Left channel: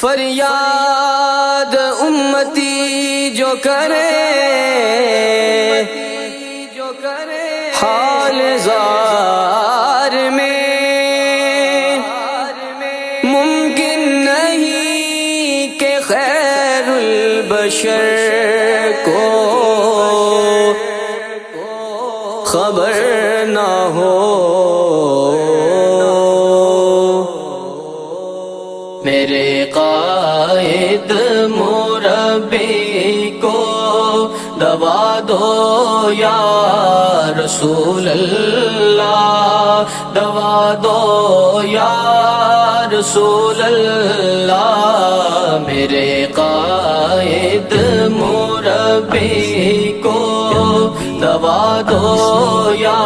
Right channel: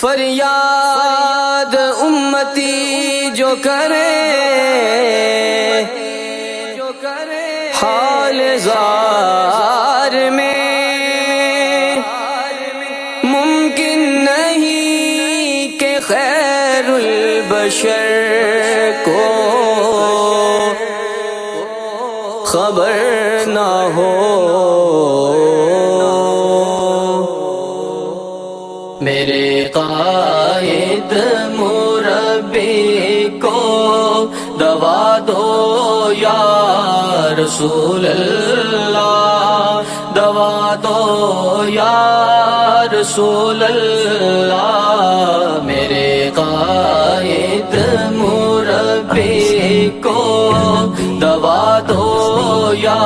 فریاد امتی جو کرے حال زار میں ممکن نہیں کہ خیر البشر کو خبر نہ ہو۔ میرے قائد مربی کو دوا دو یا رسول اللہ، دوا دو یا رسول اللہ۔ میرے قائد مربی کو دوا دو یا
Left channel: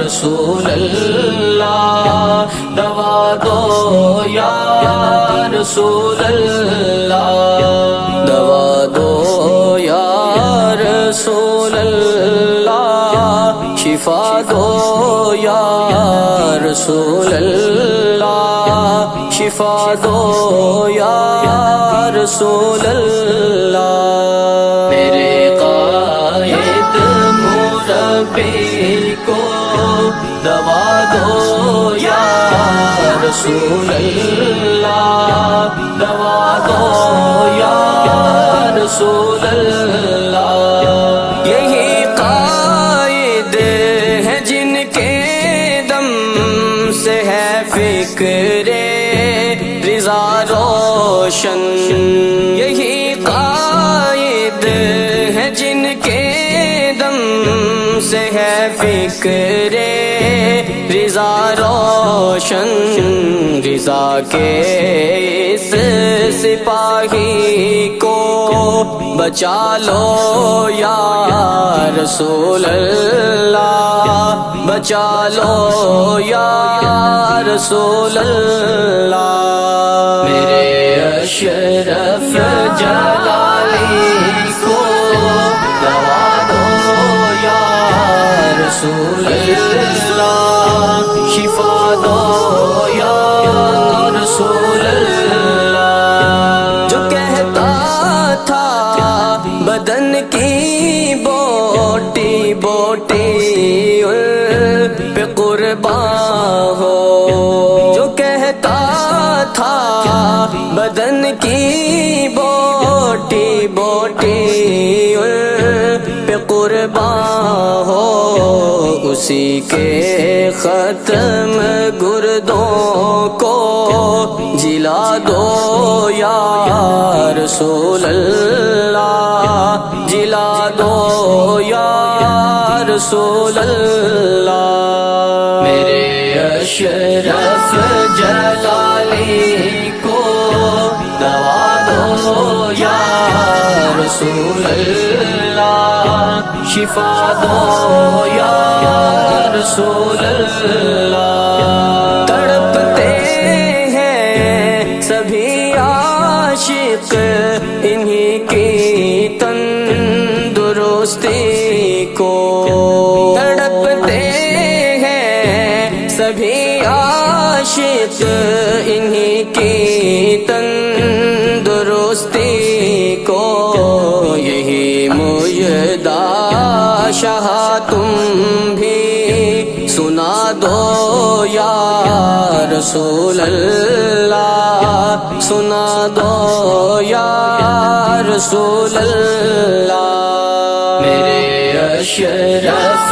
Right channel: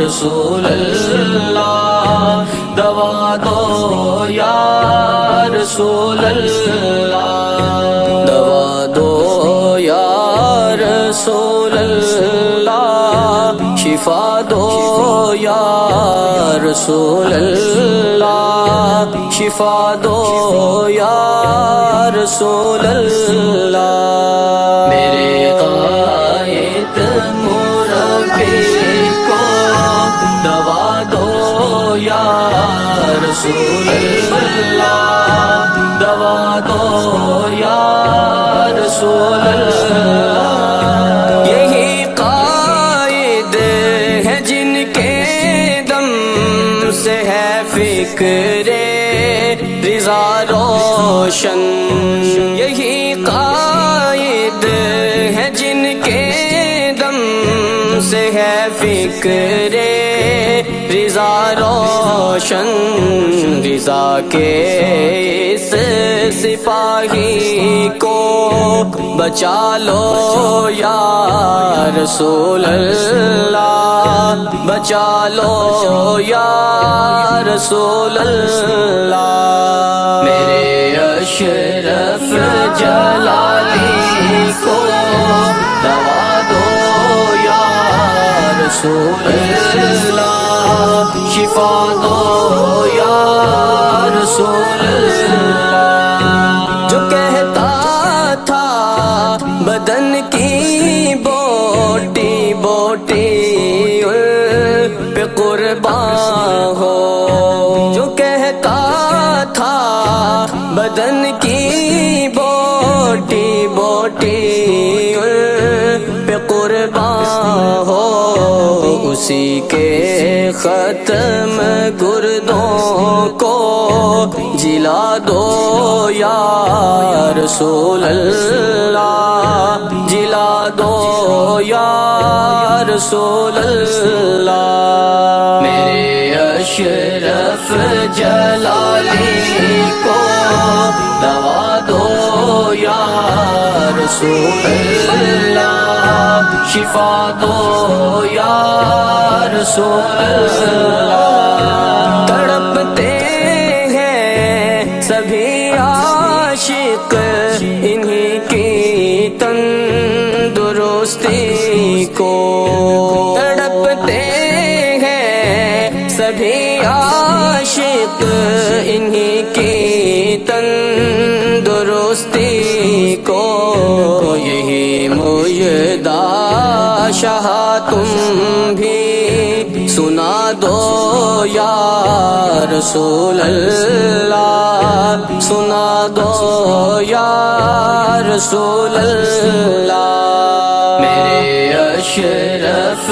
رسول اللہ، دوا دو یا رسول اللہ، دوا دو یا رسول اللہ، شفا دو یا رسول اللہ، شفا دو یا رسول اللہ۔ میرے قائد مربی کو دوا دو یا رسول اللہ، دوا دو یا رسول اللہ۔ یہی قائد ہے جن کے دم سے ہے فکر رضا روشن، یہی قائد ہے جن کے دم سے ہے فکر رضا روشن۔ رضا کے اس سپاہی کو بچا لو یا رسول اللہ، بچا لو یا رسول اللہ۔ میرے اشرف جلالی کو دوا دو یا رسول اللہ، شفا دو یا رسول اللہ۔ جو کہتا تھا بدن کی بوٹی بوٹی ان پہ قربان ہو، جو کہتا تھا بدن کی بوٹی بوٹی ان پہ قربان ہو، اسی کے ختم گردوں کو جلا دو یا رسول اللہ، جلا دو یا رسول اللہ۔ میرے اشرف جلالی کو دوا دو یا رسول اللہ، شفا دو یا رسول اللہ۔ تڑپتے ہیں سبھی عاشق انہی کی تندرستی کو، تڑپتے ہیں سبھی عاشق انہی کی تندرستی کو۔ یہی مجدہ شاہ تم بھی سنا دو یا رسول اللہ، سنا دو یا رسول اللہ۔ میرے اشرف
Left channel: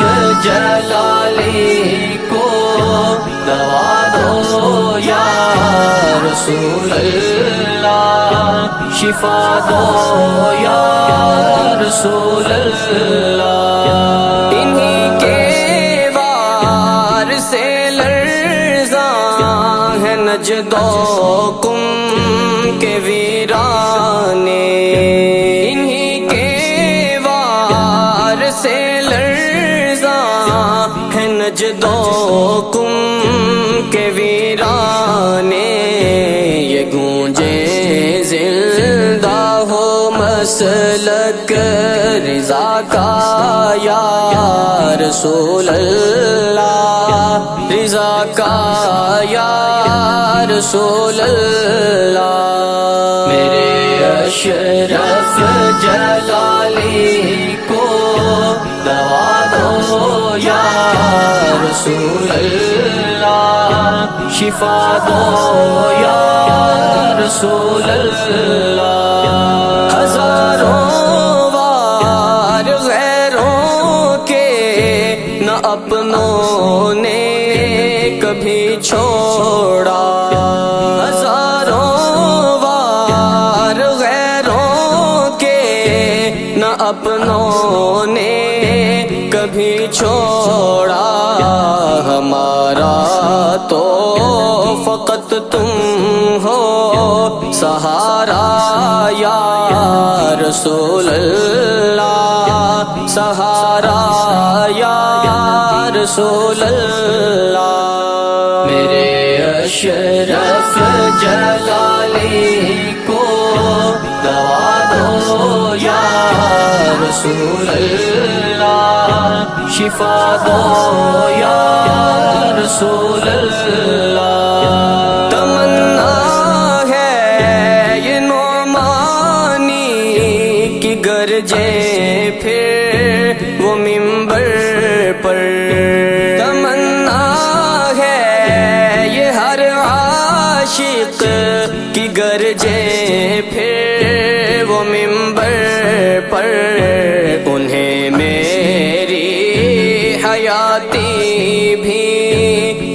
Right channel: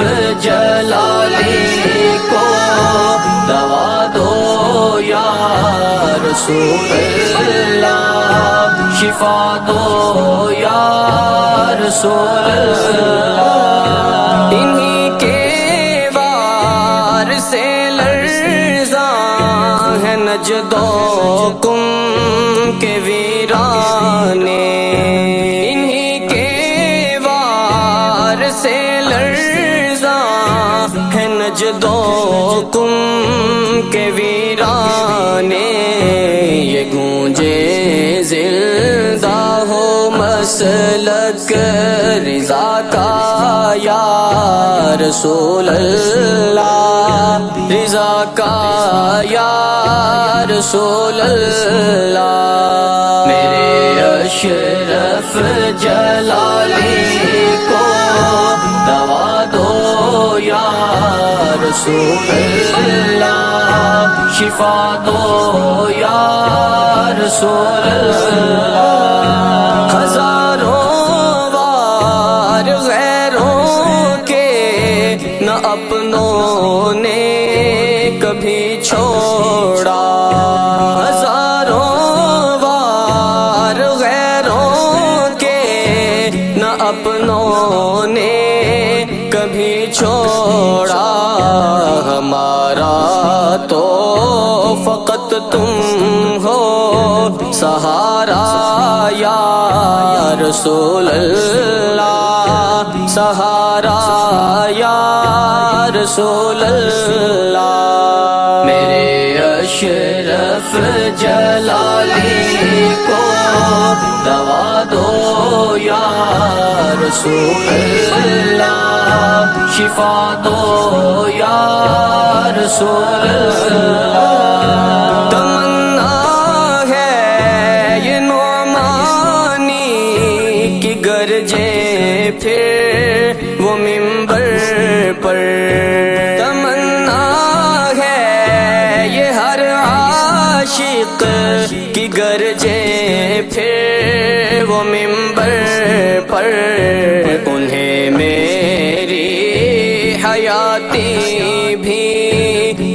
جلالی کو دوا دو یا رسول اللہ، شفا دو یا رسول اللہ۔ انہی کے وار سے لرزاں ہے نجد و قم کے ویرانے، انہی کے وار سے لرزاں ہے نجد و قم کے ویرانے۔ یہ گونجے زندہ ہو مسلک رضا کا یا رسول اللہ، رضا کا یا رسول اللہ۔ اپنوں نے کبھی چھوڑا، ہزاروں وار غیروں کے نہ اپنوں نے کبھی چھوڑا، ہمارا تو فقط تم ہو سہارا یا رسول اللہ، سہارا یا رسول اللہ۔ میرے اشرف جلالی کو دوا دو یا رسول اللہ، شفا دو یا رسول اللہ۔ تمنا ہے یہ نعمانی کی گرجے پھر وہ منبر پر، تمنا ہے یہ ہر عاشق کی گرجے پھر وہ منبر پر، انہیں میری حیاتی بھی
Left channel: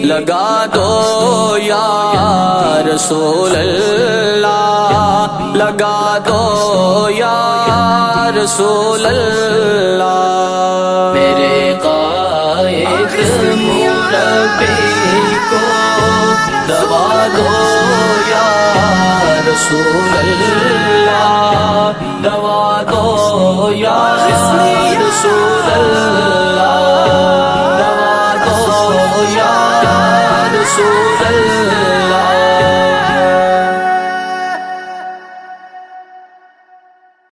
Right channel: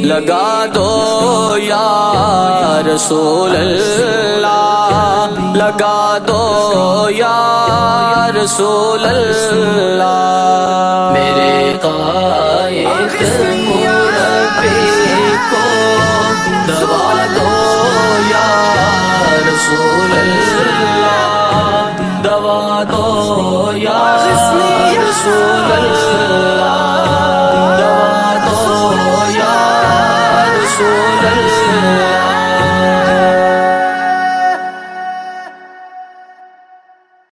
لگا دو یا رسول اللہ، لگا دو یا رسول اللہ۔ میرے قائد دوا دو یا رسول اللہ،